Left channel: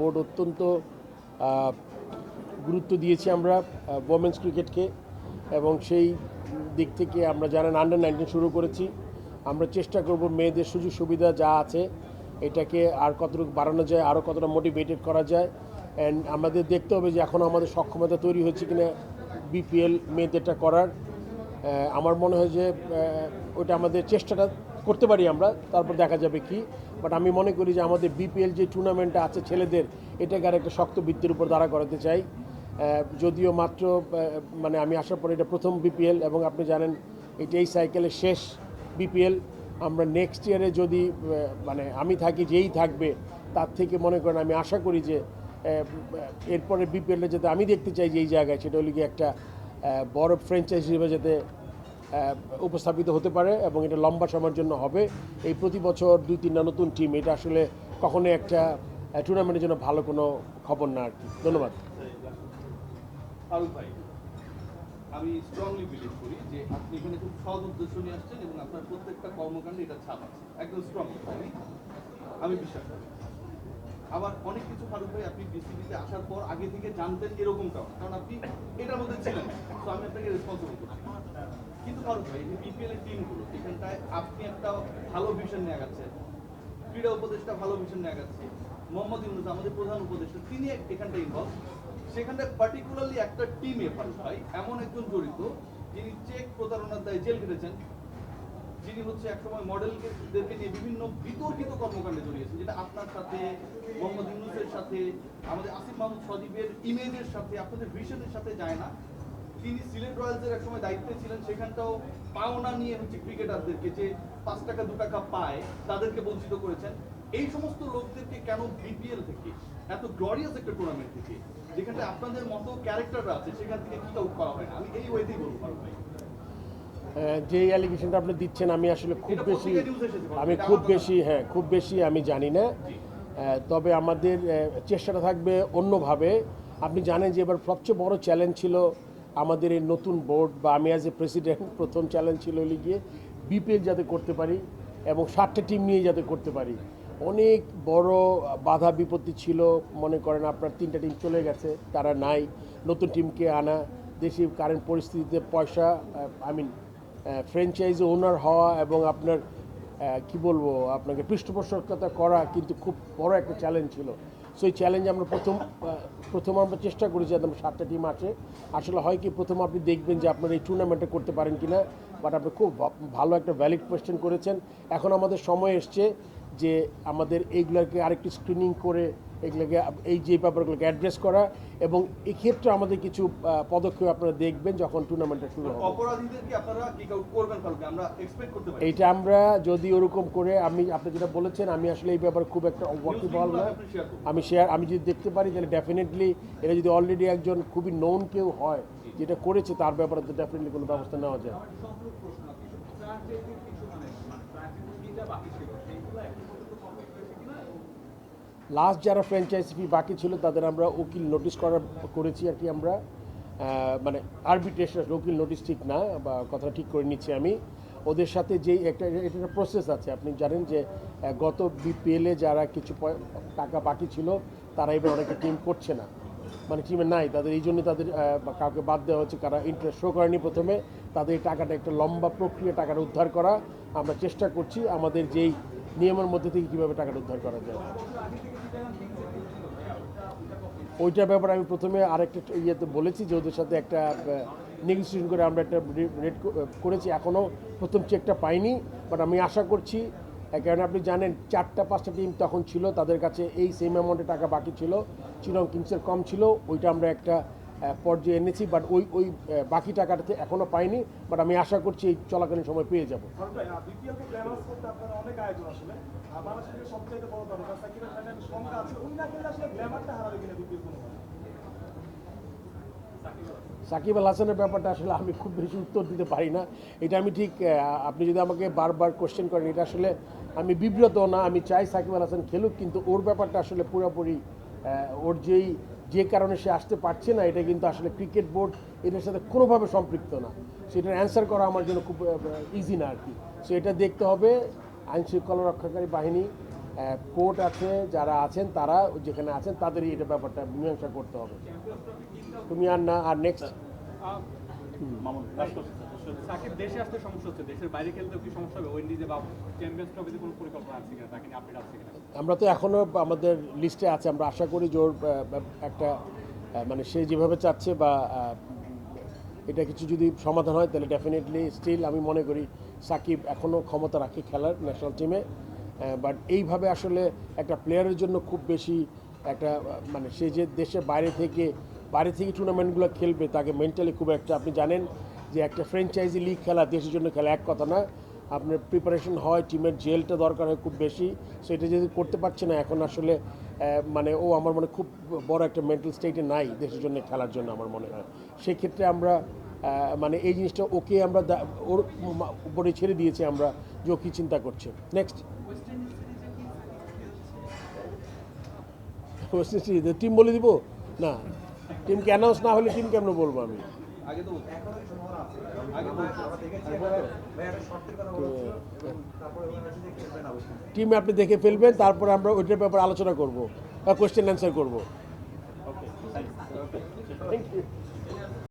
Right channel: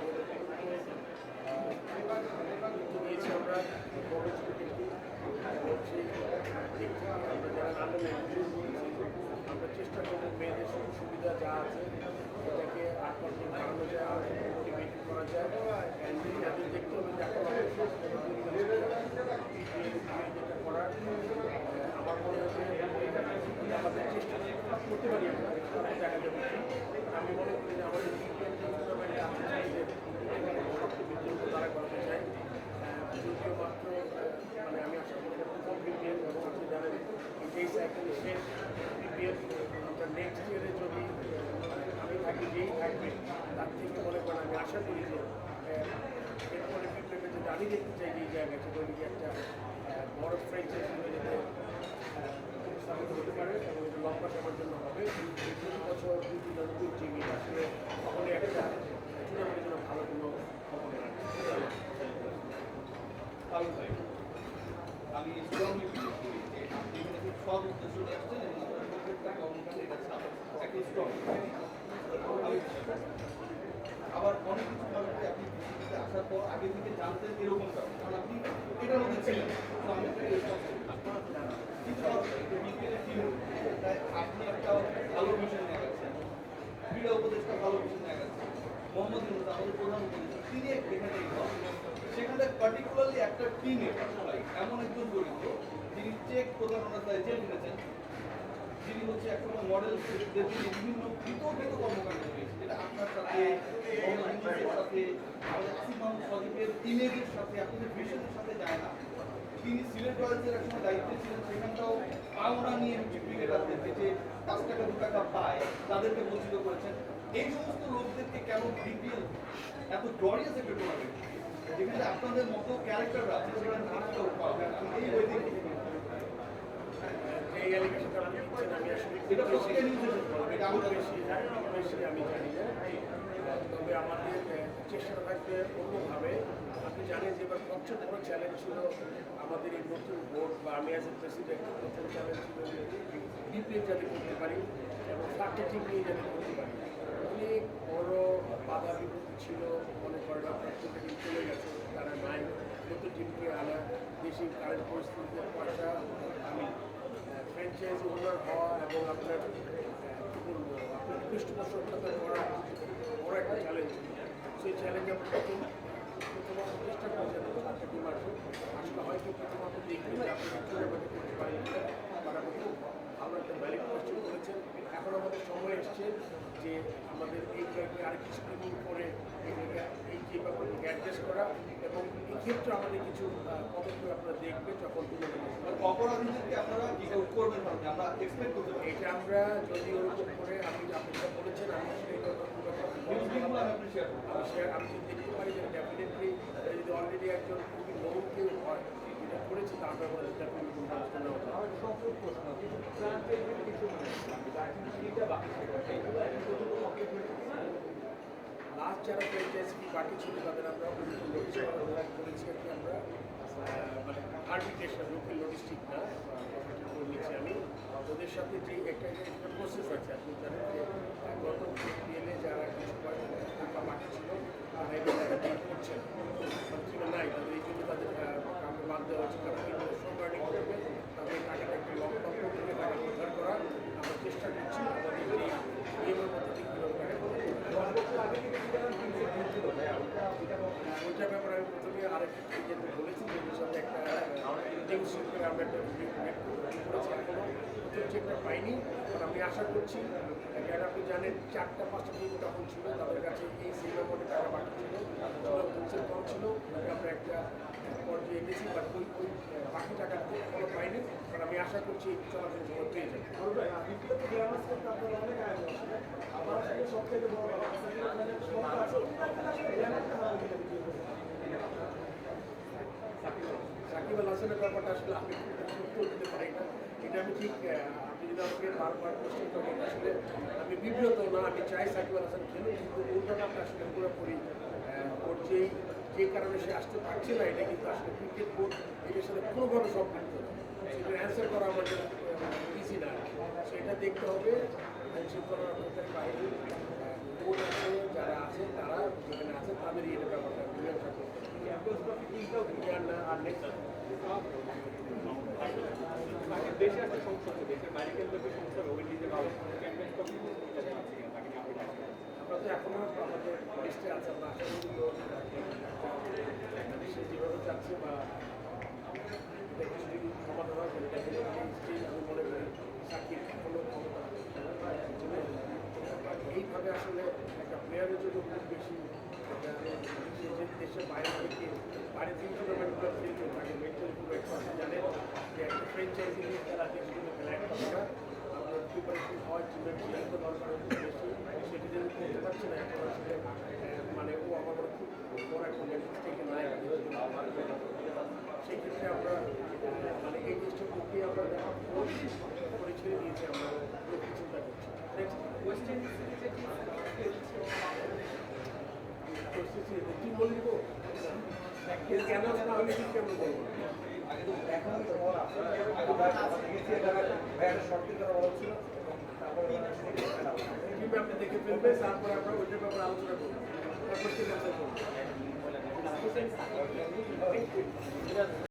Board অত্যন্ত গুরুত্ব দিয়েছি আমরা ওমেন্স ক্রিকেটকে এবং সেই দিক থেকে আমরা যারা আন্ডার-19 শুরু করেছি আমরা চেষ্টা করব মেয়েদের সুযোগ সুবিধা যা আছে এটাকে আর কতটুকু বাড়ানো যায়, আরও কতটা মোটিভেটেড করা যায়। অ্যান্ড আমাদের দেখতে হবে যে এখন আমাদের সক্ষমতা তৈরি হচ্ছে কিনা বিপিএল মেয়েদেরটা করার। আমার মনে হয় যে ওটা আমাদের চেষ্টাটা করতে পারি আমরা, তারপর দেখা যাবে কি। বাট আমি মনে করি যে আমাদের বিপিএল যে টুর্নামেন্টটা আছে ছেলেদের, এটাকে আর একটা শক্ত ভিত্তির উপর দাঁড়া করাতে চাই। যদিও মাত্র মানে আমি আসার পরে এটা প্রথম বিপিএল এবং আপনি জানেন এটা এই সাইকেলের শেষ বিপিএল। আমরা নেক্সট ইয়ারে যদি মানে আমি থাকি, যেই থাকবে তার থেকে মনে করেন আমি আশা করি যে এরপরে বিপিএলটা যাতে আমি দেখতে চাই যে এই জায়গায়, সেটা হলে কি একটা বড় ফ্র্যাঞ্চাইজ হিসেবে যাতে উপস্থাপিত হতে পারে এবং এটা লম্বা সময়ের জন্য হবে। এই প্রতি বছর 2-3টা নতুন টিম, এটা আসলে কখনোই একটা টুর্নামেন্টের জন্য ভালো কোনো খবর না। ধন্যবাদ। আমি স্ট্রংলি বিলিভ করি যে আপনি এখানে খুব সৎ উদ্দেশ্য নিয়ে আসছেন এবং আপনার প্রত্যেকটা কর্মকাণ্ডে এটা ছাপে একদম স্ট্রং। আমি বিশ্বাস করি। আবার অনেক কিছু ভালো করে আপনি বিসিবিতে আসার পর আগে থেকে জানতেন এরকমটাও, কারণ আপনি এটার মধ্যে ছিলেন, তো আমি আপনাকে রেসপন্সিবল। কিন্তু বিপিএল টিমগুলো এখানটায় আপনি একটা ভালো ভিশন নিয়ে গেছেন, ক্রীড়া উপদেষ্টা ভালো ভিশন নিয়ে গেছেন, মোহাম্মদ ইউনুস আমাদের প্রধান উপদেষ্টা তিনি এখানটায় ইনভলভ। সেখানটায় পার্টিকুলারলি একটা টিমে ভাই এমন একজন জড়িত যিনি চেক প্রতারণার দায়ে জেল খেটেছেন, যিনি হচ্ছে একসময় মডেলদেরকে বিভিন্ন বিতর্কিত কর্মকাণ্ডে জড়িয়েছেন, যেটা আপনার সাথে, মোহাম্মদ ইউনুসের সাথে, আমাদের আসিফ মাহমুদ সজীবের ইমেজের সাথে, আপনাদের ভিশনের সাথে যায় না। তিনি সিলেট রয়্যালসের একসময় দায়িত্বে ছিলেন, সেখানটাও পাওনা নিয়ে ক্রিকেটারদেরকে যে 5 টাকা 2 টাকা পায় তাদেরকে বঞ্চিত করেছেন। এই সমস্ত লোকদেরকে কেন বিপিএল এত গ্লোরিয়াস একটা টুর্নামেন্ট থেকে, যেখানে আপনাদের মতো ক্যারেক্টাররা আছে, সেখান থেকে কিটা উৎপাদ হবে, আমি এই ওয়েতেই বলতে পারি। যে অ্যালিগেশনটা আপনি দিচ্ছেন আমি আসলে খুব বেশি আমি জানি না। তবে আমাদের চেষ্টাটা থাকবে অন্যভাবে। আপনি জানেন যে এবার সবচেয়ে বড় চ্যালেঞ্জ ছিল আমাদের এই নতুন বোর্ড বা আমি অ্যাজ এ প্রেসিডেন্ট, প্রথম চ্যালেঞ্জ ছিল গিয়ে বিপিএল যাতে করতে পারি এবং 7টা টিম নিয়ে যাতে করতে পারি। অনেক বড় বাধা বিপত্তি ছিল। মনে করেন আপনার 3টা টিম চলে গেছে, তারা নাই। নতুন টিমকে আনা, দেশের কারেন্ট পরিস্থিতিতে পয়সা ফ্র্যাঞ্চাইজি ওনার হওয়া এবং আপনার কি বলবো আপনাকে পৃষ্ঠপোষকতা করা কিন্তু খুব বড় একটা চ্যালেঞ্জ ছিল। সেই চ্যালেঞ্জ আমরা প্রথম আমরা চেষ্টা করেছি একদম 7টা টিম আছে। আসলে হয় কি, প্রথম আপনি দেখবেন যে আপনার এই টুর্নামেন্টে করতে পারেন কি না, বাট আপনি খুব ভালো একটা ভ্যালিড কোয়েশ্চেন করেছেন। এখন আমাদের সময় এসছে যে আমাদের এইগুলোকে আরেকটু স্ক্রিনিং করে এগুলোকে এই যে ব্যাপারগুলোকে অ্যাড্রেস করা এবং এক্ষেত্রে আমাদের কিছু পদক্ষেপ আপনারা দেখবেন যখন টুর্নামেন্টটা শুরু হবে। এইটা আমরা যদি ওরকম করে আপনি যেটা বলেছেন, আমি আসলে এই ব্যাপারে খুব একটা ওয়াকিবহাল না। আমি যদি দেখতে পারি তাহলে ডেফিনেটলি এটা যদি অলরেডি একজন খুবই নোন কেউ হয় যেটা করেছে, তার ব্যাপারে তো ডেফিনেটলি কোনো ব্যবস্থা নেওয়া যায়। লাস্ট যারা ফ্র্যাঞ্চাইজি ফি বাকি ছিল তাদের আমরা উকিল নোটিশ করেছি আর কি। আমরা মানে আরবিট্রেশন, উকিল নোটিশ ঠিক না, বা কথা ঠিক করে নিচ্ছি আমি ওদের সাথে। যেই একটা এটা প্রসেস আছে, আপনি জানেন যে গত বিপিএলে যারা কিছু টাকা বাকি ছিল তারা এটা অনেকটা টিম করছে না, মানে টিমে নাই তাদের, এই জন্য তাদের কাউকে বাদ দেওয়া হচ্ছে। কারা ইন্টারেস্ট শো করেনি প্রথমে, তাদের টাকাটা একটা লম্বা প্রক্রিয়া, টাকাটা উদ্ধার করা। আমরা চেষ্টা করছি আমাদের যেই নিয়মের মধ্যে থেকে কীভাবে টাকাটা উদ্ধার করা যায়। ওইটার ব্যাপারে আমি প্রথমে আরেকটা ইয়েতে বলেছি যে ওদের সাথে একটা নেগোসিয়েশন করে আমরা একটা রেট করেছি। এখনও প্রথম চেকটা পাইনি, বাট আমি আশা করছি। কারণ আপনি জানেন 4-5টা টিম তখন ছিল, তাদের কাছে এই সেম অ্যামাউন্টের টাকা বাকি ছিল, চিরং কিংসের কম ছিল। ওইটা আমরা একটা পর্যায়ে এনেছি, বাট ওই বাকি টাকাটাতে এখনও পাইনি, বাট আমি আশা করছি এই চলাকালীন সময় পেয়ে যাবো। সাকিব আল হাসানের ব্যাপারটা আসলে আমি খুব বেশি উত্তর দিতে পারি না। এটা আমি ঠিক, আপনি যদি আমাকে বারবার কোশ্চেন করেন, এটা আসলে আমি বিব্রত না। আমি চাই সাকিব আল হাসান খেলুক, কিন্তু ওর ব্যাপারটা আসলে পুরোপুরি ওর যে কারণে সে আসতে পারছে না, এটা কিন্তু আসলে ক্রিকেট বোর্ড এটার সাথে কোনোভাবে সম্পৃক্ত না। সেটার অ্যান্সার করা আমার জন্য খুব ইজি না আর কি। সো এটা দেখতে হবে আইনশৃঙ্খলা রক্ষাকারী বাহিনী কোর্ট আছে, যারা আছেন তারা যেখানে আছেন তাদেরই এটা ব্যাপারটা মীমাংসা করতে হবে। তুমি আর না, আর নেক্সট দেশে আসতে সমস্যা হচ্ছে, দেশের বাইরে খেলতে কি সমস্যা হবে? উইন্ডিজে বা চ্যাম্পিয়ন্স ট্রফি কোনো পরিকল্পনা আছে কিনা, নাকি আপডেট আছে? আমরা তো এখনও আমাদের লিস্টে আছে, আমরা আশা করি যে ওর একটা মানে সে যেভাবে চাচ্ছে বা এটা কিছু যদি সমাধান হয় তাহলে ডেফিনেটলি স্টিল আমি মনে করি সাকিব এখনও ক্ষমতা রাখে খেলার ন্যাশনাল টিমে। বাট এইভাবে আসলে একটা প্লেয়ারের জন্য খুব বেশি একটা মানে সে যে দেশের বাইরে থেকে টুর্নামেন্টগুলো খেলবে তাকে মেন্টালি খুব একটা, আপনি জানেন যে একটা ফ্র্যাঞ্চাইজি লিগ খেলা দেশের জন্য খেলা এক কথা না, আপনার প্রিপারেশন হয়, টিমের জেলটা দরকার হয় খুব বেশি, সেটা যদি করতে পারছে না এখন আসলে মানে ও আমার মনে খুব বড় একটা মেন্টাল স্টেটে নাই দেশের জন্য খেলার জন্য আমার মনে হয়। সেক্ষেত্রে আমরা মানে এই জিনিসটা ওকে আমরা ওর উপরে ছেড়ে দিয়েছি আমরা, যে ও কী চিন্তা করছে। নেক্সট টিম বলে দিব না, টিমকে অ্যানাউন্স না হলে টিম কেমন বলবো আমি। আগে তো টিম আপনি দেখে ফেলবেন, তারপরে আমরা ওইটার ব্যাপারে আলোচনা করব বা কোয়েশ্চেন অ্যান্সার করব।